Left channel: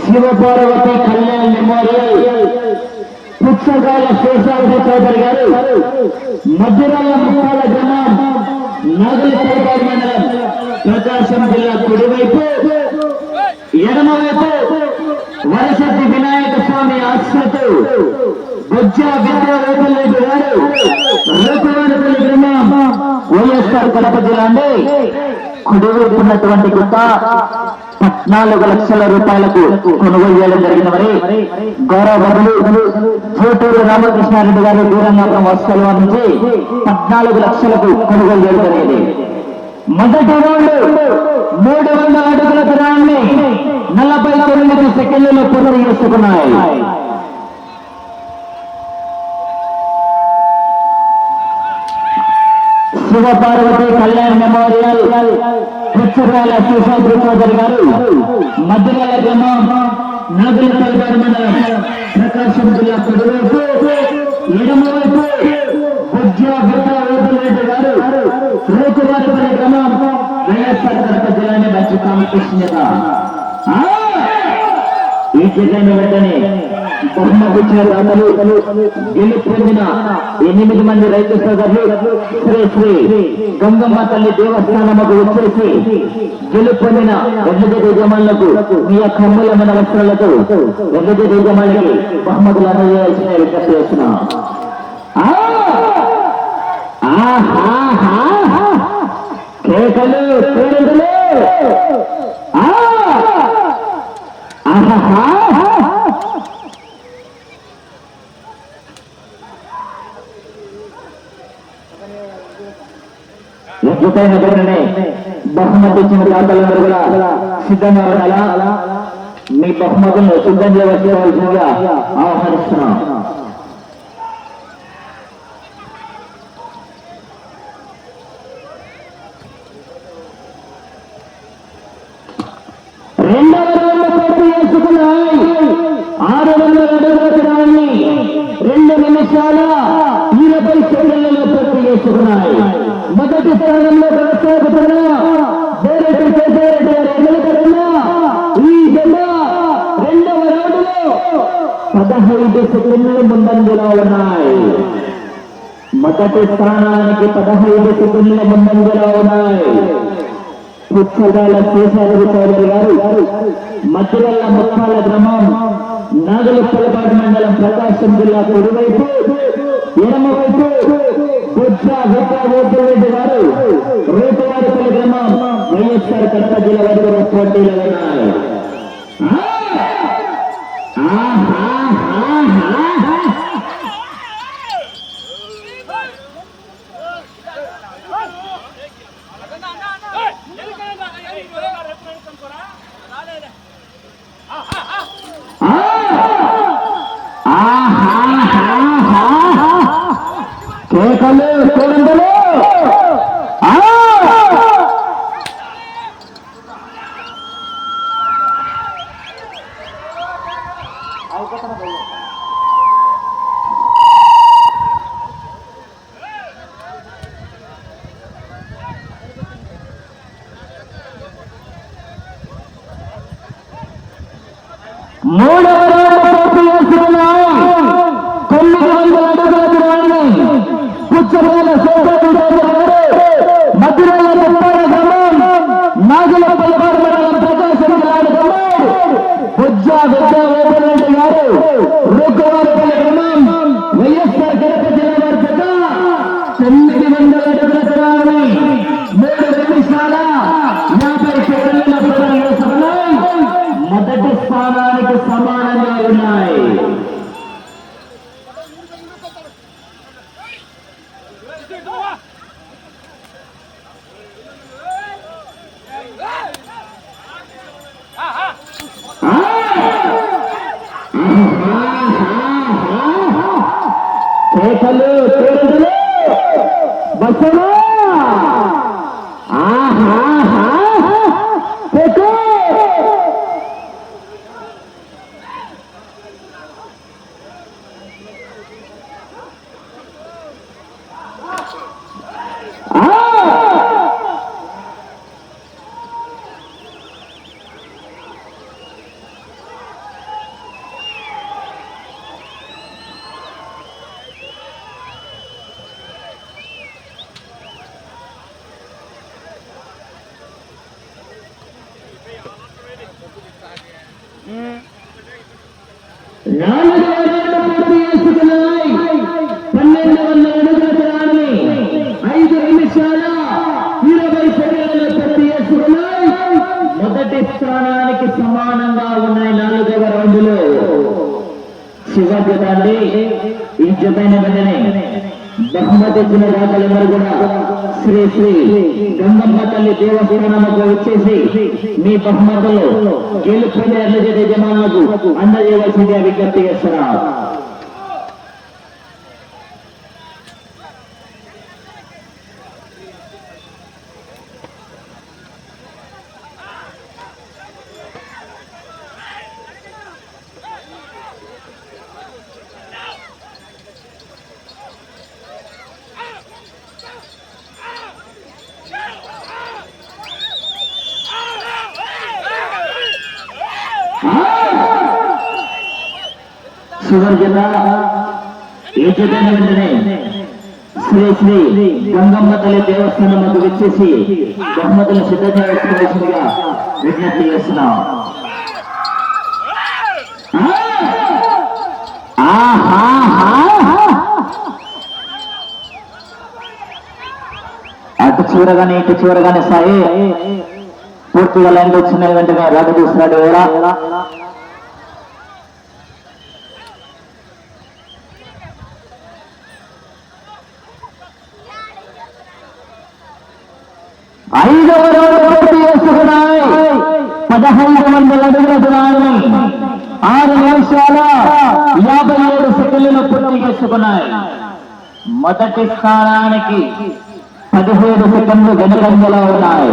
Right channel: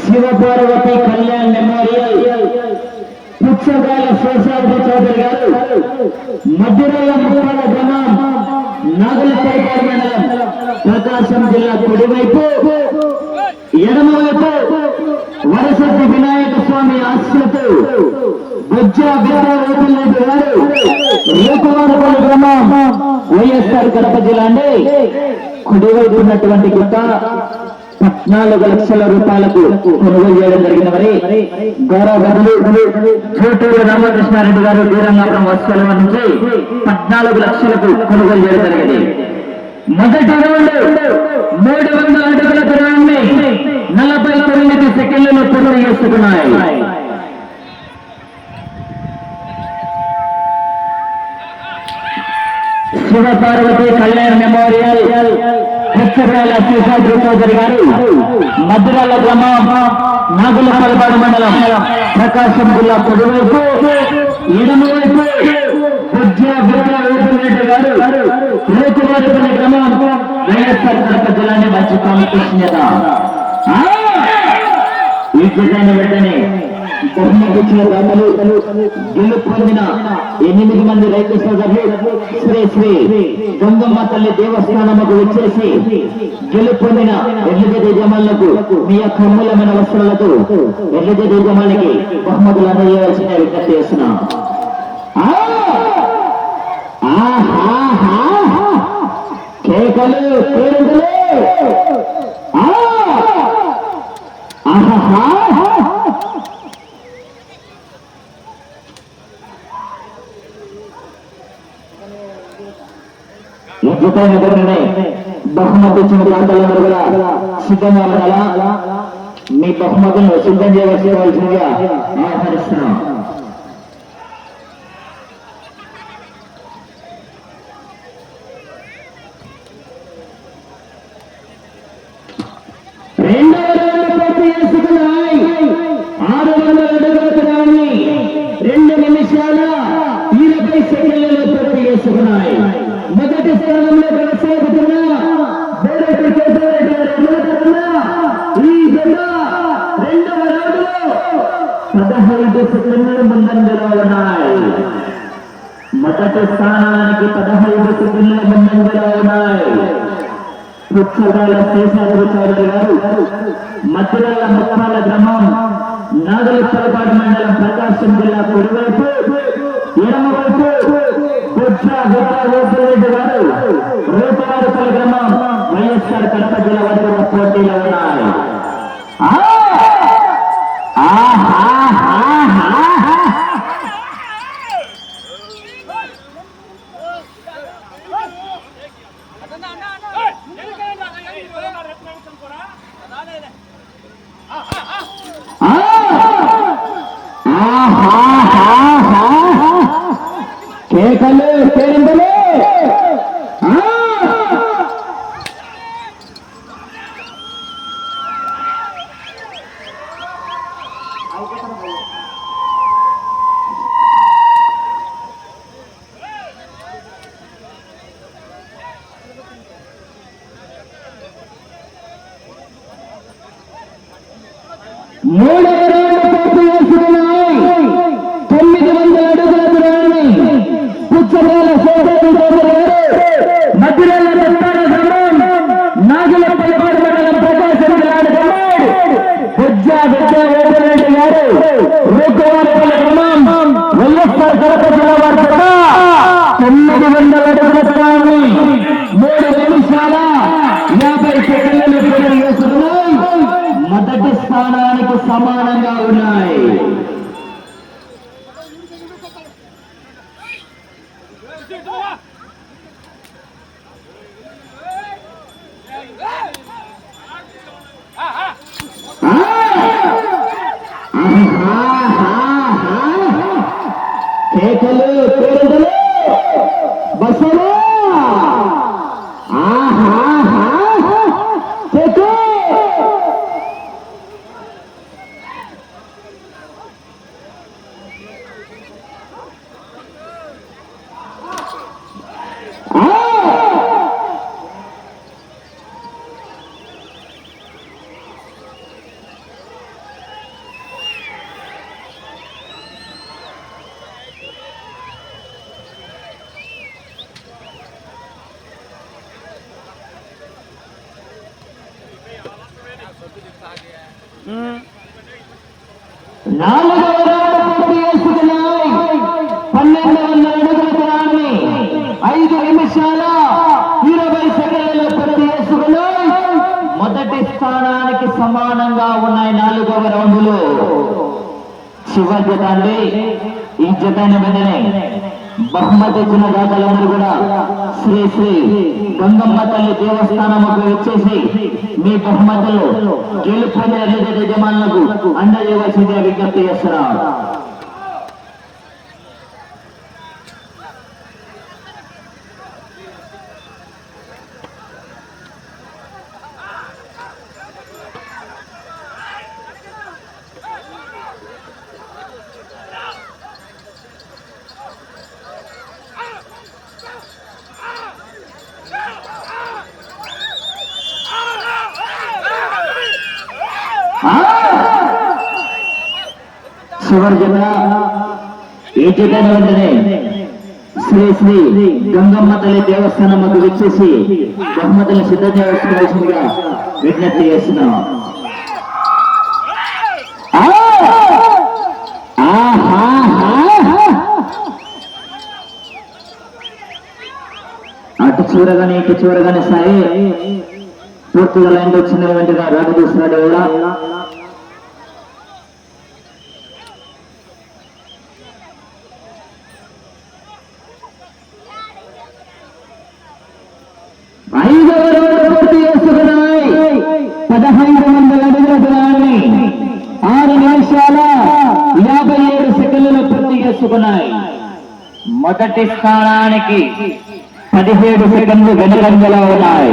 Shivaparvati Kalyan memorial పుచ్చకాయ శేషాద్రి చౌదరి గారు. మధ్యరాల ముప్పాల గ్రామం నాగలపల్లి మండలం ప్రకాశం జిల్లా కుడివైపు. ఎడమవైపు వరసతి వినాయక స్వామి ఆశ్రతు బుజ్జా విద్యావేతులరెడ్డి గారు లోకవారపల్లి గ్రామం వైఎస్ఆర్ కడప జిల్లా అండి. కుడివైపు ఉన్నటువంటి గుట్ట నాలుగు లక్షల రూపాయలకు కొనుగోలు చేయడం జరిగిన మరి గౌరవ బదులు రామకృష్ణారెడ్డి గారు వీరంగం వస్తువుల నుంచి పద్నాలుగు లక్షలకు కొనుగోలు చేయడం జరిగింది. మొదటి రౌండ్ మూడు వందల అడుగుల దూరాన్ని నలభై తొమ్మిది సెకండ్లలో పూర్తి చేసుకున్నాయి. శివపార్వతి కళ్యాణ్ మెమోరియల్ పుచ్చకాల శేషాద్రి చౌదరి గారు మధురాల గ్రామం మండలం ప్రకాశం జిల్లా పొడివైపు ఎడమవైపు బుజ్జ వీర వేపులరెడ్డి గారు గ్రామం వైఎస్ఆర్ కడప జిల్లాని మంచి కాంపిటీషన్ ఈ జిల్లాను వెంటనే బహుమతిచ్చిన దాతలు గెలుపు పొందిన ఎనిమిది మంది రైతు సోదరులు శ్రీ శ్రీ గంగమ్మ తల్లి దేవస్థానముకు వచ్చేసి గెలుపు పొందిన ఎడ్లజ యజమానులకు మీ యొక్క అమూల్యమైన వస్త్రాలతో ఎడ్లజ యజమానికి బహుమతులు అందజేయాల్సిన విజ్ఞప్తి చేస్తున్నా. కేకలు కేరింతలు ఆ! ఆహాహా! ఎప్పుడైన బహుమతి ఇచ్చిన దాతలందరూ కూడా సిద్ధంగా ఉండాలా? మీ బహుమతులను సిద్ధం చేయవలసిందిగా ఆహ్వానిస్తున్నాం. రెండవ రౌండ్ పూర్తి చేసుకున్నాయి ఆరు వందల అడుగుల రెండు నిమిషాల ఇరవై సెకండ్లలో పూర్తి చేసుకున్నాయి. మొదటి స్థానంలో పదహైదు సెకండ్లు ముందంజలో ఉన్నాయి. మొదటి స్థానానికి పదహైదు సెకండ్లు ముందంజలో ఉన్నాయి. పుచ్చకాల శేషాద్రి చౌదరి గారు మధ్యల ముప్పాల గ్రామం నాగలపలపాటి మండలం ప్రకాశం జిల్లా కుడివైపు ఎడమవైపు బుద్ధ రెడ్డి గారు రేపవారిపల్లి గ్రామం వైఎస్ఆర్ కడప జిల్లా వారి పోటీలో ఉన్నాయి. కేకలు కేరిందలు No. కేకలు నాలుగవ రౌండ్ పూర్తి ఐదు నిమిషాల ఇరవై సెకండ్లు పూర్తి చేసుకున్నాయి మొదటి స్థానానికి సమానంగా ఉన్నాయి నాలుగవ రౌండ్లో చివరి జత అండి ఈ జతైన వెంటనే బహుమతి ఇచ్చిన రాజులందరూ కూడా శ్రీ శ్రీ గంగమ్మ తల్లి దేవస్థానముకు వచ్చేసి మీ బహుమతులు గెలుపొందే యజమానులకు అందజేయవలసిందిగా విజ్ఞప్తి చేస్తున్నారు చివరి జిల్లా ఈ జతైన వెంటనే శ్రీ శ్రీ గంగమ్మ తల్లి దేవస్థానం వద్ద వచ్చేసి బహుమతులను సిద్ధం చేసుకోవాల్సిందిగా విజ్ఞప్తి చేస్తున్నాం. అటు చూడగానే ఇటు చూడగానే సాయి పూర్తిగా లైన్ వచ్చిన వెంటనే రాజు తీసుకున్నాడు కూడా ఐదవ రౌండ్ పూర్తి చేసుకున్నాయి పదహైదు వందల అడుగుల దూరాన్ని ఆరు నిమిషాల యాభై ఏడు సెకండ్లు పూర్తి చేసుకున్నాయి. మొదటి స్థానానికి పదిహేడు సెకండ్లు వెనుకంజలో ఉన్నాయి.